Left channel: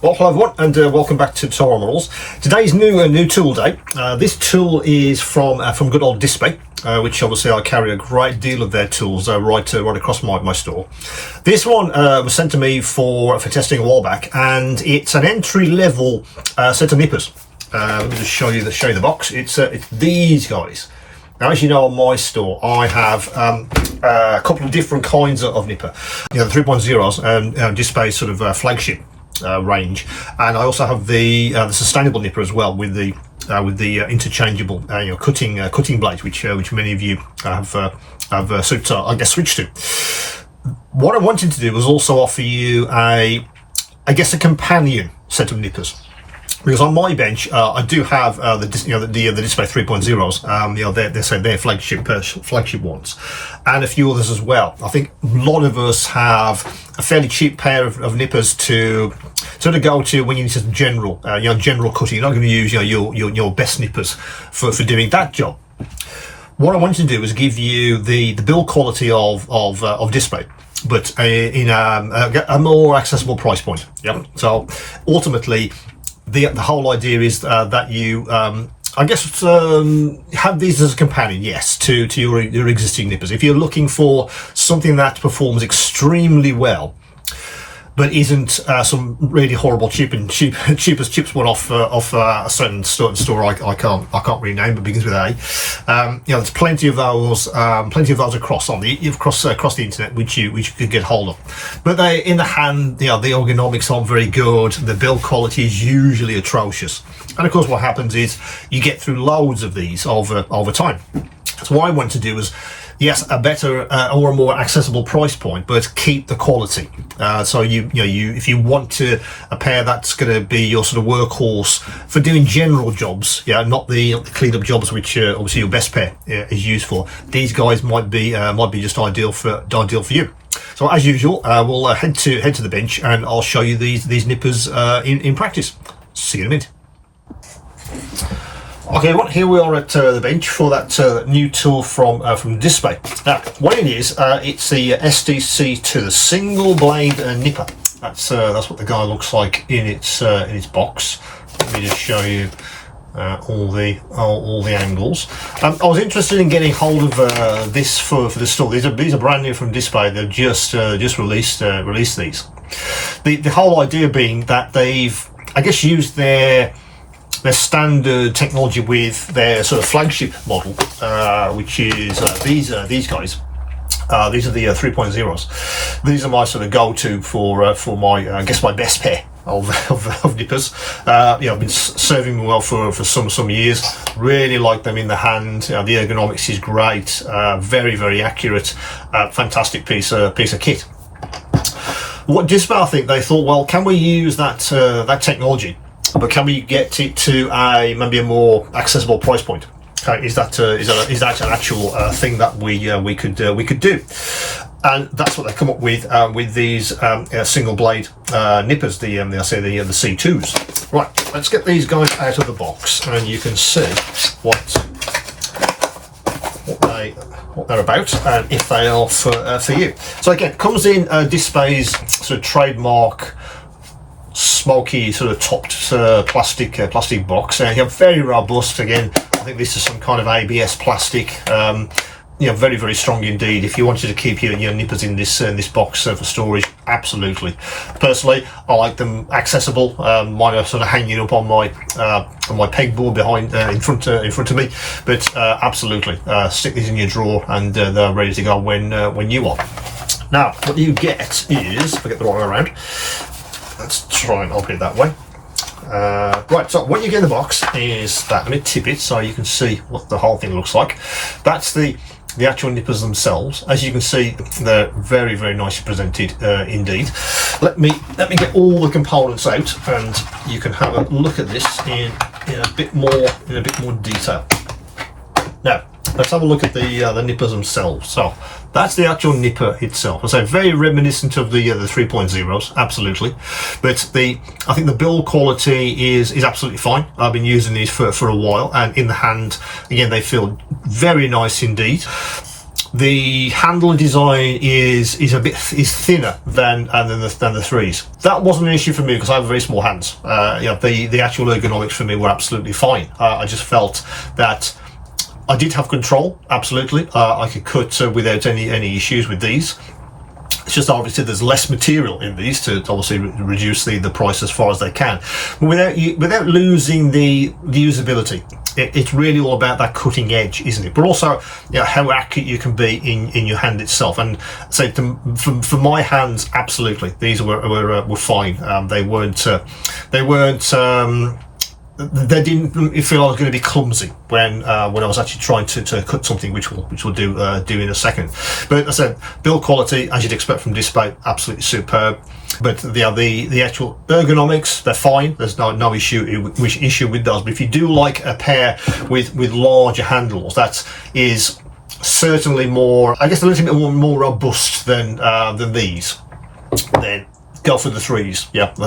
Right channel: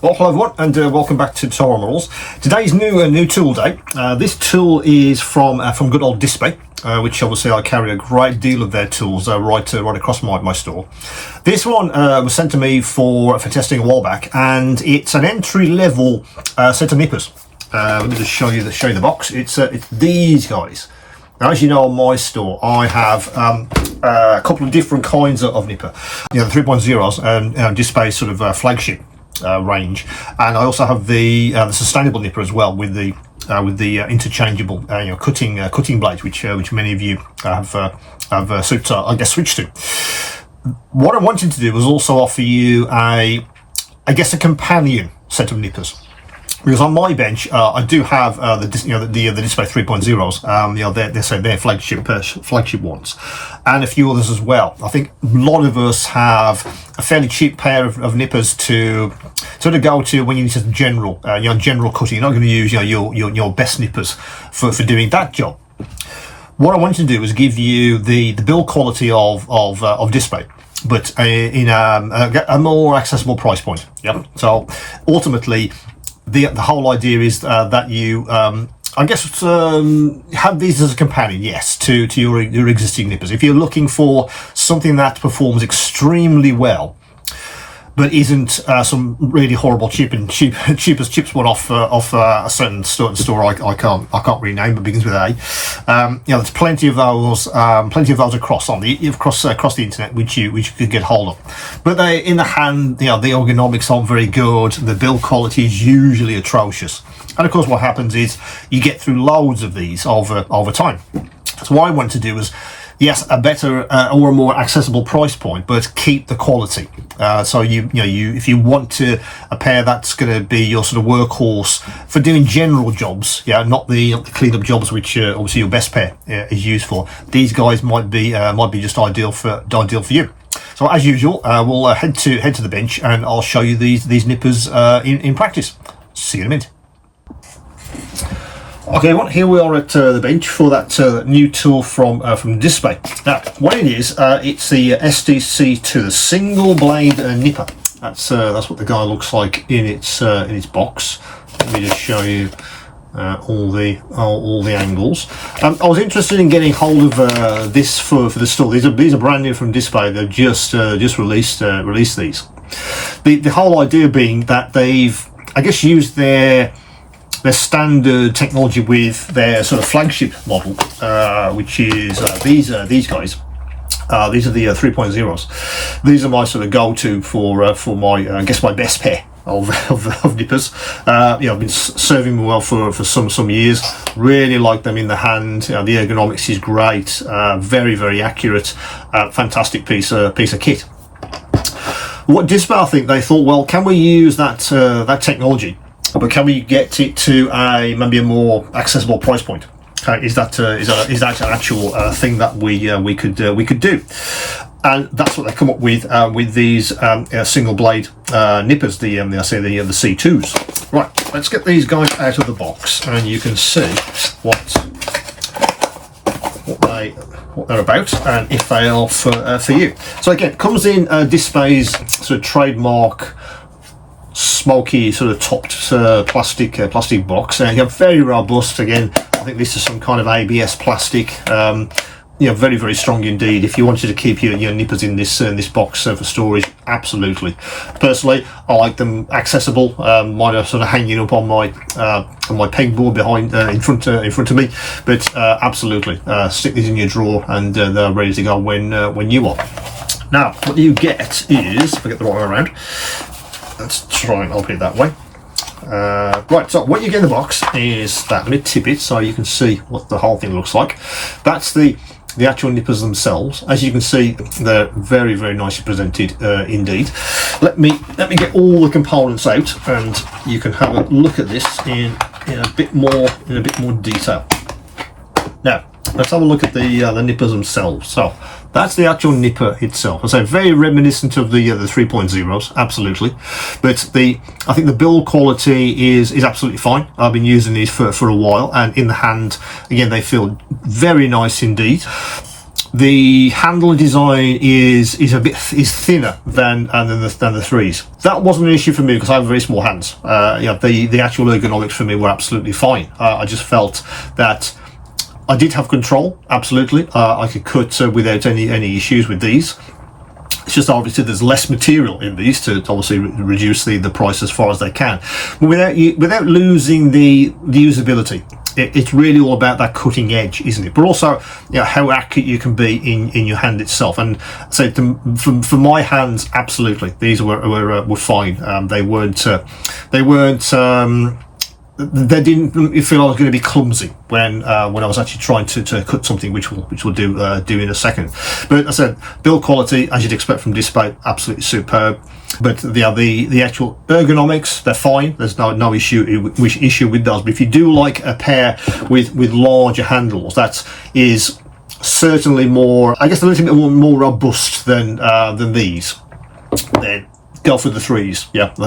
Well, hello everyone, and welcome back to Tyrell Models. Today's new tool day. This tool is from good old Dspaie, which obviously I carry a great deal of their tools right across my store. This one was sent to me for testing a while back, and it's an entry-level set of nippers. Let me just show you the box. It's these guys. Now, as you know, on my store, I have a couple of different kinds of nipper. You know, the 3.0s, Dspaie sort of flagship range, and I also have the sustainable nipper as well with the interchangeable cutting blades, which many of you have switched to. What I wanted to do was also offer you a companion set of nippers. Because on my bench, I do have the Dspaie 3.0s. They're flagship ones, and a few others as well. I think a lot of us have a fairly cheap pair of nippers to sort of go to when you need just general cutting. You're not going to use your best nippers for doing that job. What I wanted to do was give you the build quality of Dspaie, but in a more accessible price point. Yep. So ultimately, the whole idea is that you, have these as a companion, yes, to your existing nippers. If you're looking for something that performs extremely well, but isn't some really horrible cheapest chips one off a certain store I can't really name, but begins with A. There's plenty of those across the internet which you could get hold of. But they in the hand, the ergonomics aren't very good. The build quality is usually atrocious. And of course, what happens is you get through loads of these over time. So what I want to do is, yes, a better or a more accessible price point, but keep the quality. So if you want a pair that's going to be your sort of workhorse for doing general jobs, not the clean up jobs which obviously your best pair is used for. These guys might be just ideal for you. So as usual, we'll head to the bench, and I'll show you these nippers in practice. See you in a minute. Okay, well, here we are at the bench for that new tool from Dspaie. Now, what it is, it's the SDC2, the Single Blade Nipper. That's what the guy looks like in its box. Let me just show you all the angles. I was interested in getting hold of this for the store. These are brand new from Dspaie. They've just released these. The whole idea being that they've, used their standard technology with their sort of flagship model, which is these guys. These are the 3.0s. These are my sort of go-to for my my best pair of nippers. I've been serving them well for some years. Really like them in the hand. The ergonomics is great. Very, very accurate. Fantastic piece of kit. What Dspaie, I think they thought, well, can we use that technology, but can we get it to maybe a more accessible price point? Is that an actual thing that we could do? And that's what they come up with these single blade nippers, the C2s. Right, let's get these guys out of the box, and you can see what they're about, and if they are for you. So again, it comes in Dspaie's sort of trademark smoky sort of topped plastic box. Very robust. Again, I think this is some kind of ABS plastic. Very, very strong indeed. If you wanted to keep your nippers in this box for storage, absolutely. Personally, I like them accessible. Mine are sort of hanging up on my pegboard behind in front of me, but absolutely stick these in your drawer, and they're ready to go when you are. Now, what you get is, if I get the right way around. Let's try and open it that way. Right, so what you get in the box is that. Let me tip it so you can see what the whole thing looks like. That's the actual nippers themselves. As you can see, they're very, very nicely presented indeed. Let me get all the components out, and you can have a look at this in a bit more detail. Now, let's have a look at the nippers themselves. So that's the actual nipper itself. I say very reminiscent of the 3.0s, absolutely. But I think the build quality is absolutely fine. I've been using these for a while, and in the hand, again, they feel very nice indeed. the handle design is thinner than the threes. That wasn't an issue for me because I have very small hands. The actual ergonomics for me were absolutely fine. I just felt that I did have control, absolutely. I could cut without any issues with these. It's just obviously there's less material in these to obviously reduce the price as far as they can, but without losing the usability. It's really all about that cutting edge, isn't it? But also, how accurate you can be in your hand itself. And so, for my hands, absolutely, these were fine. They didn't feel I was going to be clumsy when I was actually trying to cut something, which we'll do in a second. But as I said, build quality, as you'd expect from Dspaie, absolutely superb. But the actual ergonomics, they're fine. There's no issue with those. But if you do like a pair with larger handles, that is certainly more, I guess, a little bit more robust than these. Then go for the threes. Yeah, I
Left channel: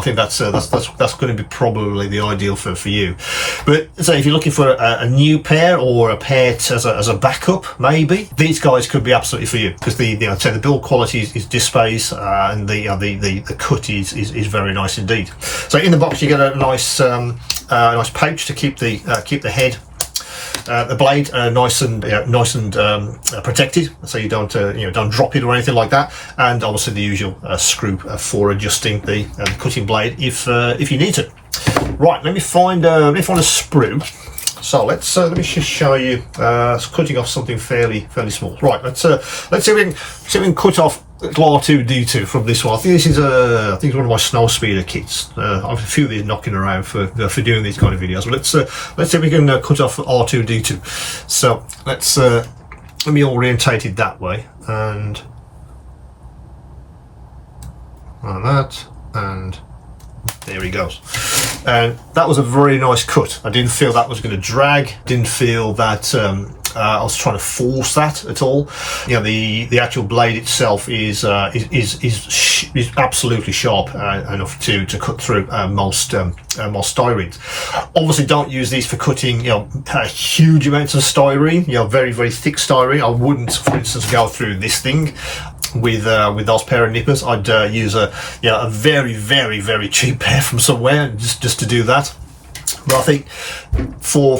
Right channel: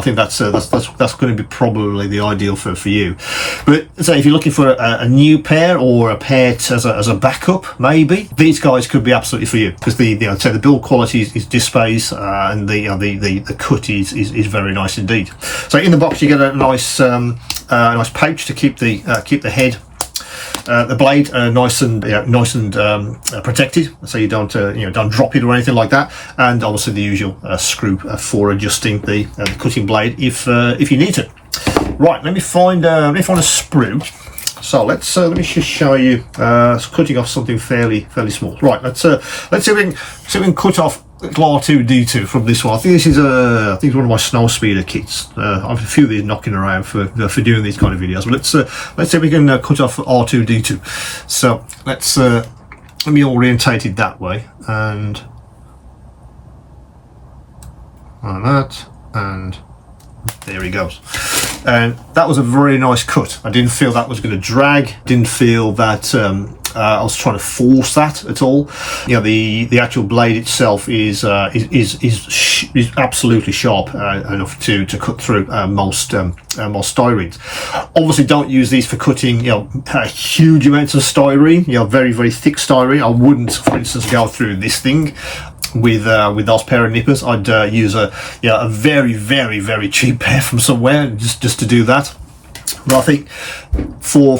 think that's going to be probably the ideal for you. But say if you're looking for a new pair or a pair as a backup, maybe these guys could be absolutely for you, because the build quality is Dspaie's, and the cut is very nice indeed. So in the box you get a nice pouch to keep the head. The blade nice and protected, so you don't drop it or anything like that, and obviously the usual screw for adjusting the cutting blade if you need to. Right, let me find a sprue. So let me just show you cutting off something fairly small. Right, let's see if we can cut off R2D2 from this one. I think this is one of my snow speeder kits. I have a few of these knocking around for doing these kind of videos. But let's see if we can cut off R2D2. So let me orientate it that way, and that, and there he goes. And that was a very nice cut. I didn't feel that was going to drag. Didn't feel that I was trying to force that at all. The actual blade itself is absolutely sharp enough to cut through most styrene. Obviously, don't use these for cutting huge amounts of styrene. Very thick styrene. I wouldn't, for instance, go through this thing with those pair of nippers. I'd use a very cheap pair from somewhere just to do that. But I think for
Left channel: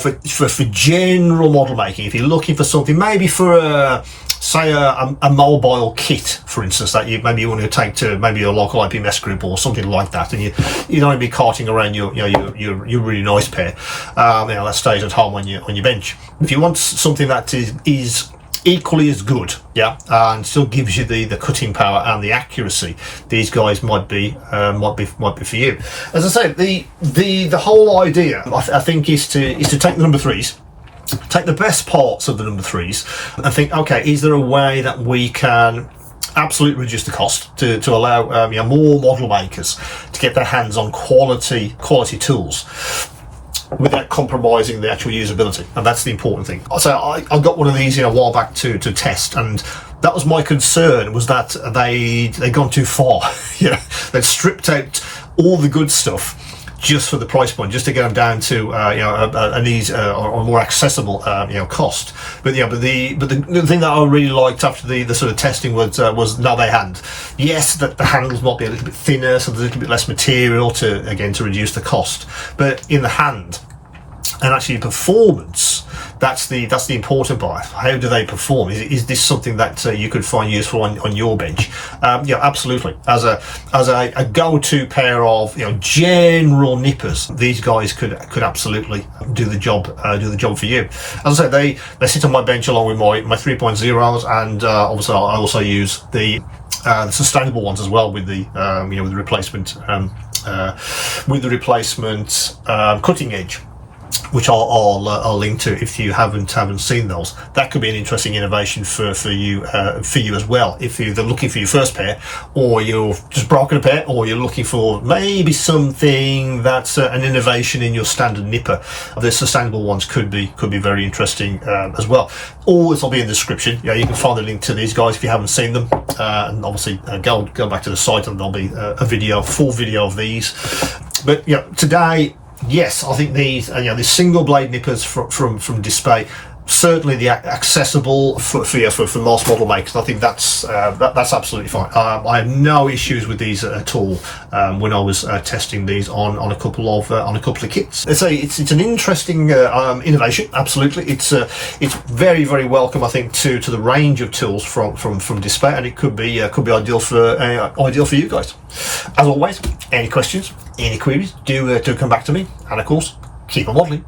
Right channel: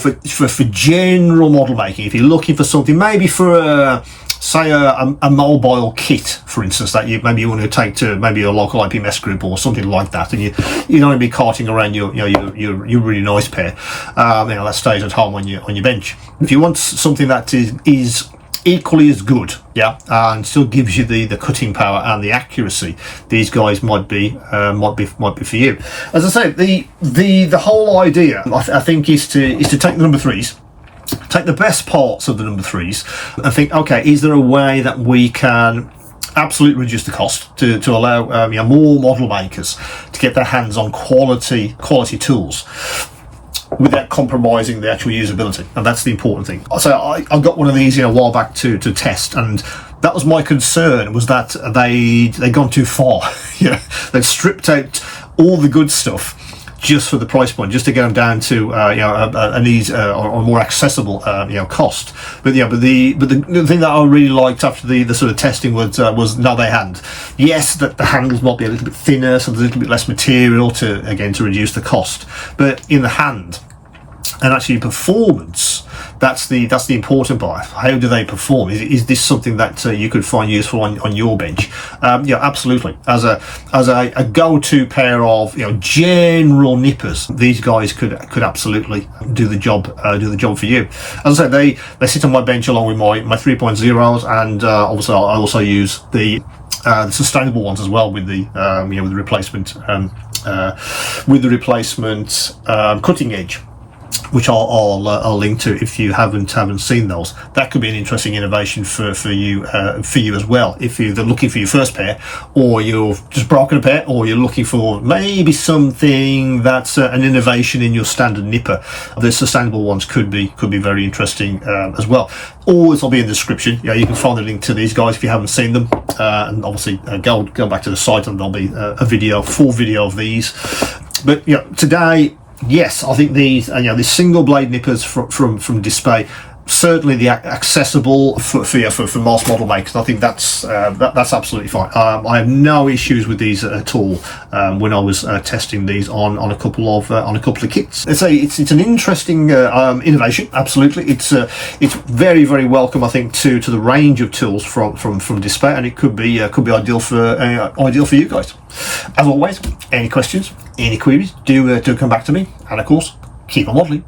general model making, if you're looking for something, maybe for say a mobile kit, for instance, that you want to take to maybe a local IPMS group or something like that, and you don't want to be carting around your really nice pair that stays at home on your bench. If you want something that is equally as good, and still gives you the cutting power and the accuracy, these guys might be for you. As I say, the whole idea, I think, is to take the number threes, take the best parts of the number threes, and think, okay, is there a way that we can absolutely reduce the cost to allow more model makers to get their hands on quality tools without compromising the actual usability? And that's the important thing. So I got one of these a while back to test, and that was my concern, was that they'd gone too far. They'd stripped out all the good stuff just for the price point, just to get them down to an easy or more accessible cost. But the thing that I really liked after the sort of testing was now they had, yes, that the handles might be a little bit thinner, so there's a little bit less material to reduce the cost, but in the hand and actually performance, that's the important part. How do they perform? Is this something that you could find useful on your bench? Absolutely. As a go-to pair of general nippers, these guys could absolutely do the job for you. As I say, they sit on my bench along with my 3.0s, and also I also use the sustainable ones as well with the replacement cutting edge, which I'll link to if you haven't seen those. That could be an interesting innovation for you as well, if you're looking for your first pair, or you've just broken a pair, or you're looking for maybe something that's an innovation in your standard nipper. The sustainable ones could be very interesting as well. All this will be in the description. You can find the link to these guys if you haven't seen them, and obviously go back to the site, and there'll be a full video of these. But today, yes, I think these single blade nippers from Dspaie, certainly the accessible for most model makers. I think that's absolutely fine. I have no issues with these at all. When I was testing these on a couple of kits, it's an interesting innovation. Absolutely, it's very, very welcome, I think, to the range of tools from Dspaie, and it could be ideal for you guys. As always, any questions, any queries, do come back to me, and of course, keep on modeling.